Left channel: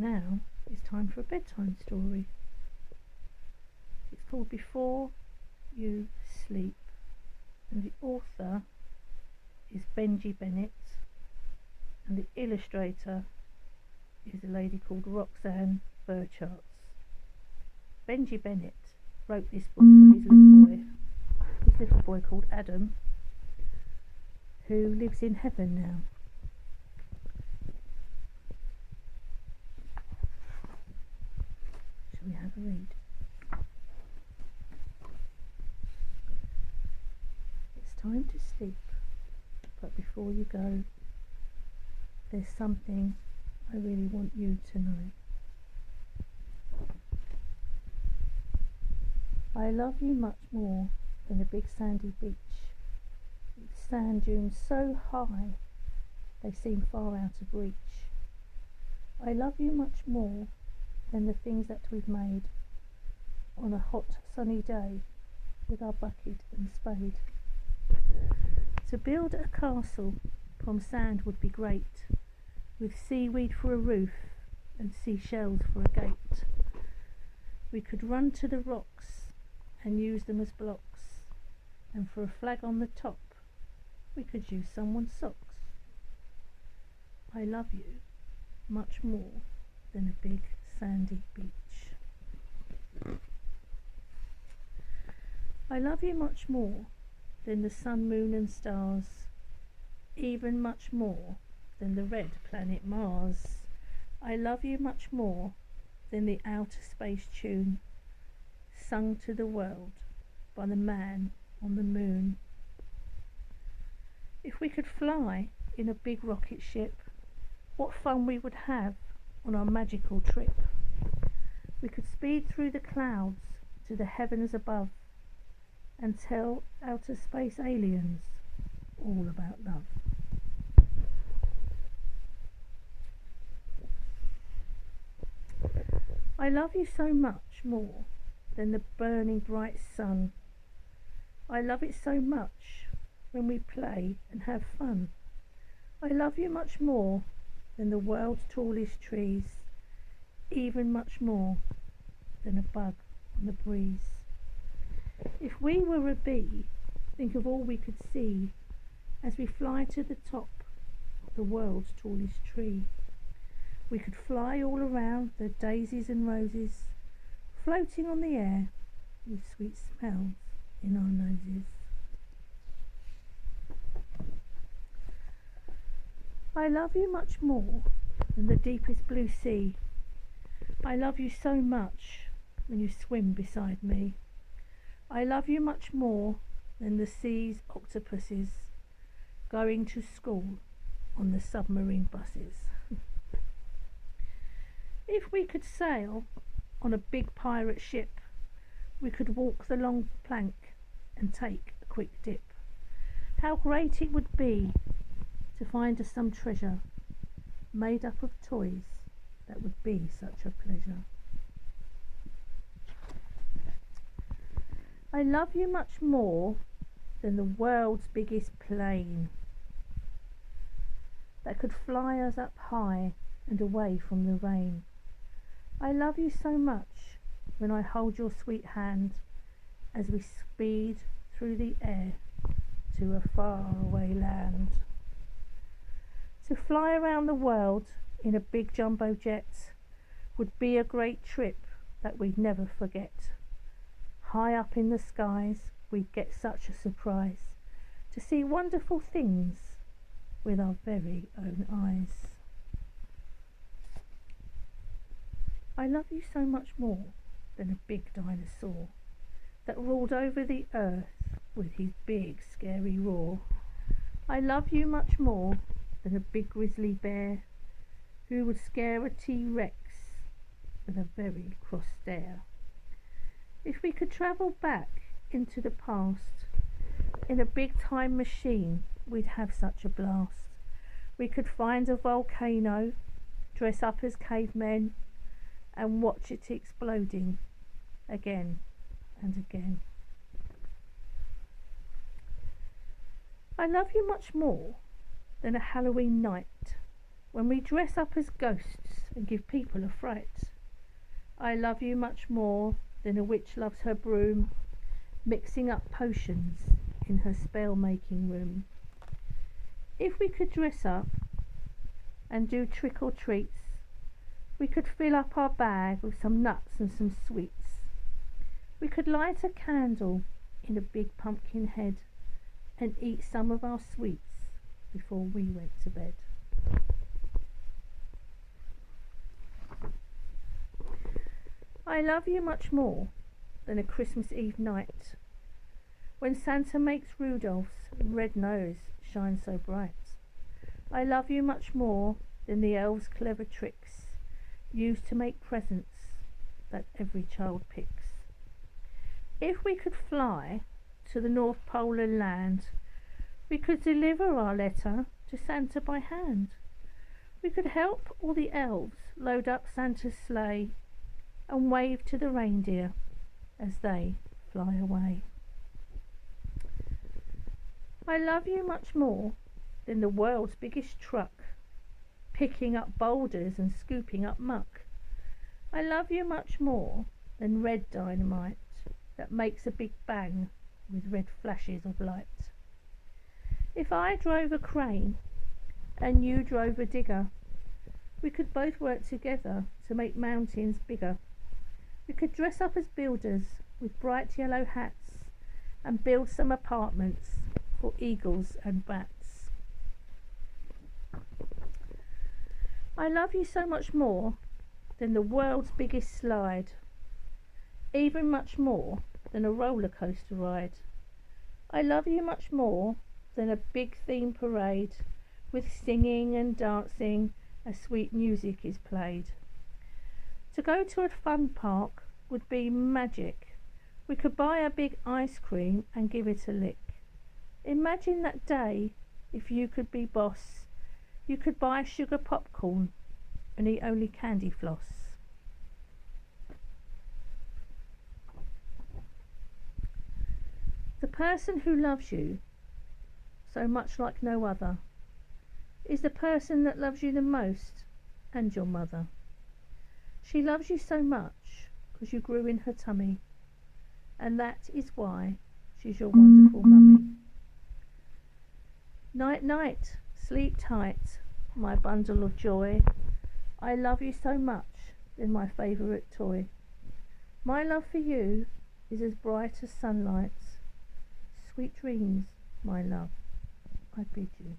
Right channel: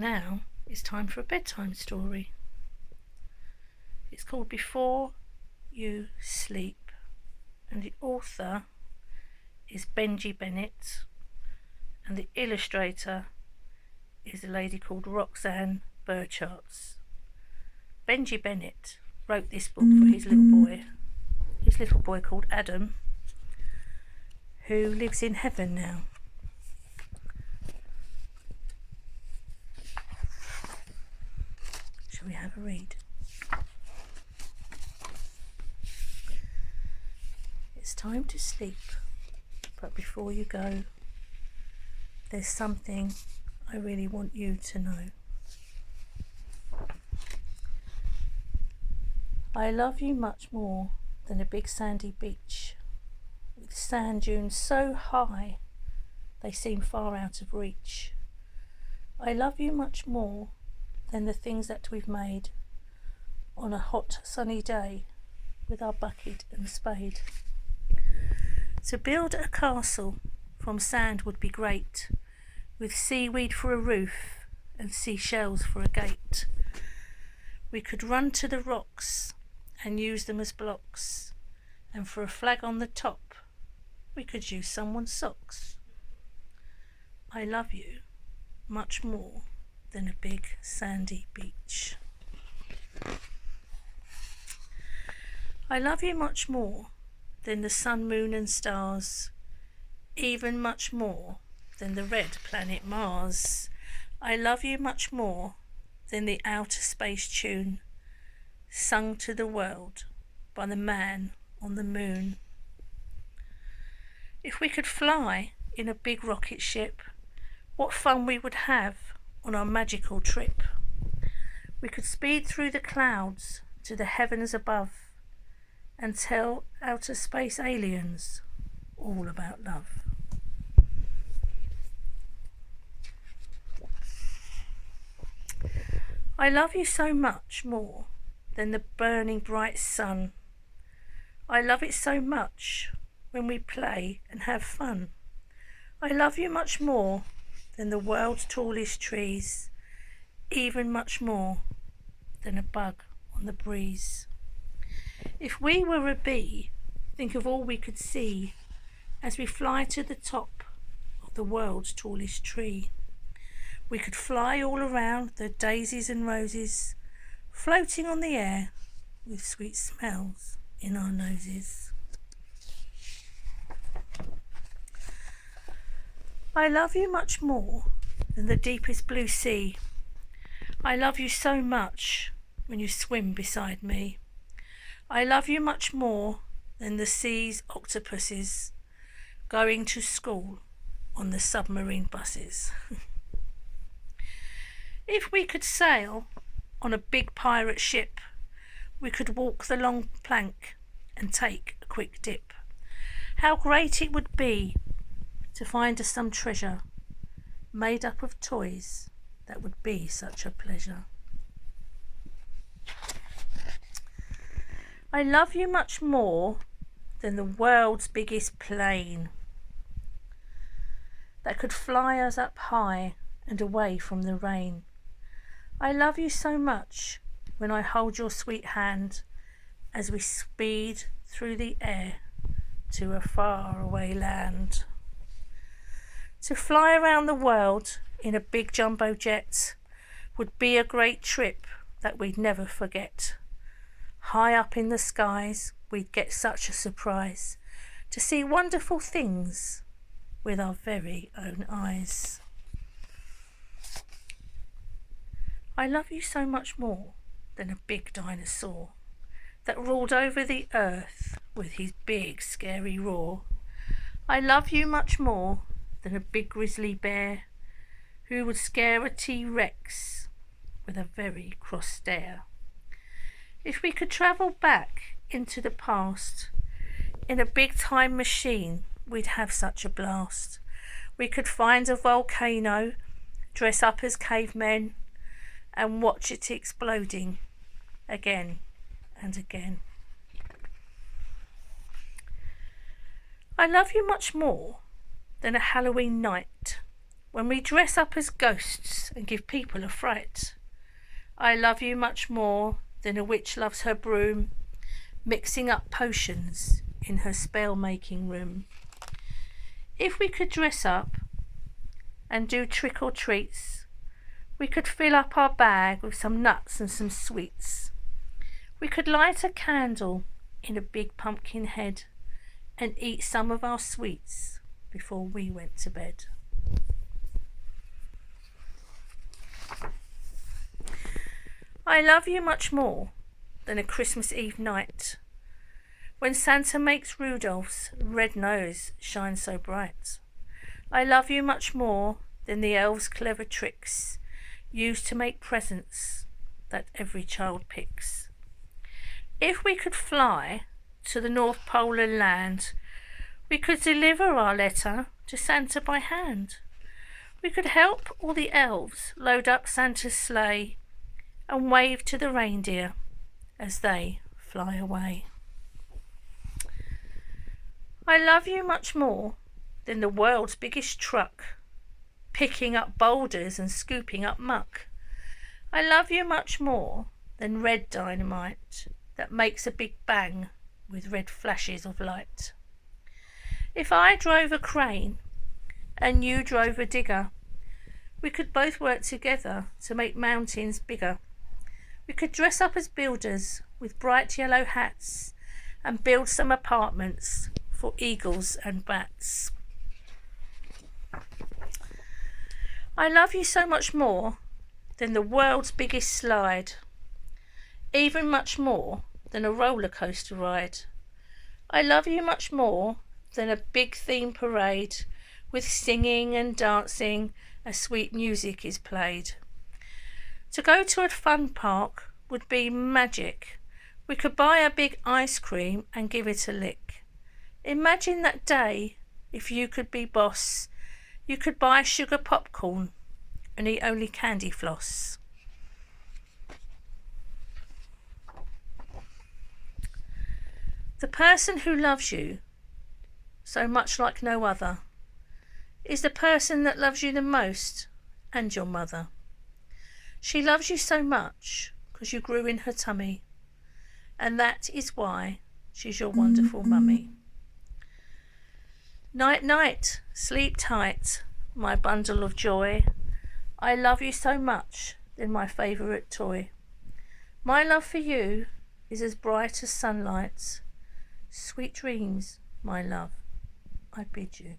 Now it's time for a bedtime story. It's called Before You Sleep, and the author is Benji Bennett, and the illustrator is a lady called Roxanne Burchards. Benji Bennett wrote this book for his little boy called Adam, who lives in heaven now. Shall we have a read? It's time to sleep, but before you go, there's something I really want you to know. I love you much more than a big sandy beach, with sand dunes so high they seem far out of reach. I love you much more than the things that we've made on a hot sunny day with our bucket and spade. To build a castle from sand would be great, with seaweed for a roof and seashells for a gate. We could run to the rocks and use them as blocks, and for a flag on the top we could use someone's socks. I love you much more than a big sandy beach. I love you much more than the sun, moon and stars, even much more than the red planet Mars. I love you much more than the outer space tune sung to the world by the man on the moon. If we could fly in a big rocket ship, what fun we would have on our magical trip. We could speed through the clouds to the heavens above and tell outer space aliens all about love. I love you so much more than the burning bright sun. I love it so much when we play and have fun. I love you much more than the world's tallest trees, even much more than a bug on the breeze. If we were a bee, think of all we could see as we fly to the top of the world's tallest tree. We could fly all around the daisies and roses, floating on the air with sweet smells in our noses. I love you much more than the deepest blue sea. I love you so much when you swim beside me. I love you much more than the sea's octopuses going to school on the submarine buses. If we could sail on a big pirate ship, we could walk the long plank and take a quick dip. How great it would be to find us some treasure made up of toys. That would be such a pleasure. I love you much more than the world's biggest plane that could fly us up high and away from the rain. I love you so much when I hold your sweet hand as we speed through the air to a faraway land. To fly around the world in a big jumbo jet would be a great trip that we'd never forget. High up in the skies we'd get such a surprise to see wonderful things with our very own eyes. I love you so much more than a big dinosaur that ruled over the earth with his big scary roar. I love you much more than a big grizzly bear who would scare a T-Rex with a very cross stare. If we could travel back into the past in a big time machine, we'd have such a blast. We could find a volcano, dress up as cavemen and watch it exploding again and again. I love you much more than a Halloween night when we dress up as ghosts and give people a fright. I love you much more than a witch loves her broom, mixing up potions in her spell-making room. If we could dress up and do trick or treats, we could fill up our bag with some nuts and some sweets. We could light a candle in a big pumpkin head and eat some of our sweets before we went to bed. I love you much more than a Christmas Eve night, when Santa makes Rudolph's red nose shine so bright. I love you much more than the elves' clever tricks used to make presents that every child picks. If we could fly to the North Polar land, we could deliver our letter to Santa by hand. We could help all the elves load up Santa's sleigh and wave to the reindeer as they fly away. I love you much more than the world's biggest truck, picking up boulders and scooping up muck. I love you much more than red dynamite that makes a big bang with red flashes of light. If I drove a crane and you drove a digger, we could both work together to make mountains bigger. We could dress up as builders with bright yellow hats and build some apartments for eagles and bats. I love you so much more than the world's biggest slide, even much more than a roller coaster ride. I love you much more than a big theme parade with singing and dancing as sweet music is played. To go to a fun park would be magic. We could buy a big ice cream and give it a lick. Imagine that day if you could be boss. You could buy sugar popcorn and eat only candy floss. The person who loves you so much like no other is the person that loves you the most, and your mother. She loves you so much because you grew in her tummy, and that is why she's your wonderful mummy. Night, night, sleep tight, my bundle of joy. I love you so much, than my favourite toy. My love for you is as bright as sunlight. Sweet dreams, my love, I bid you.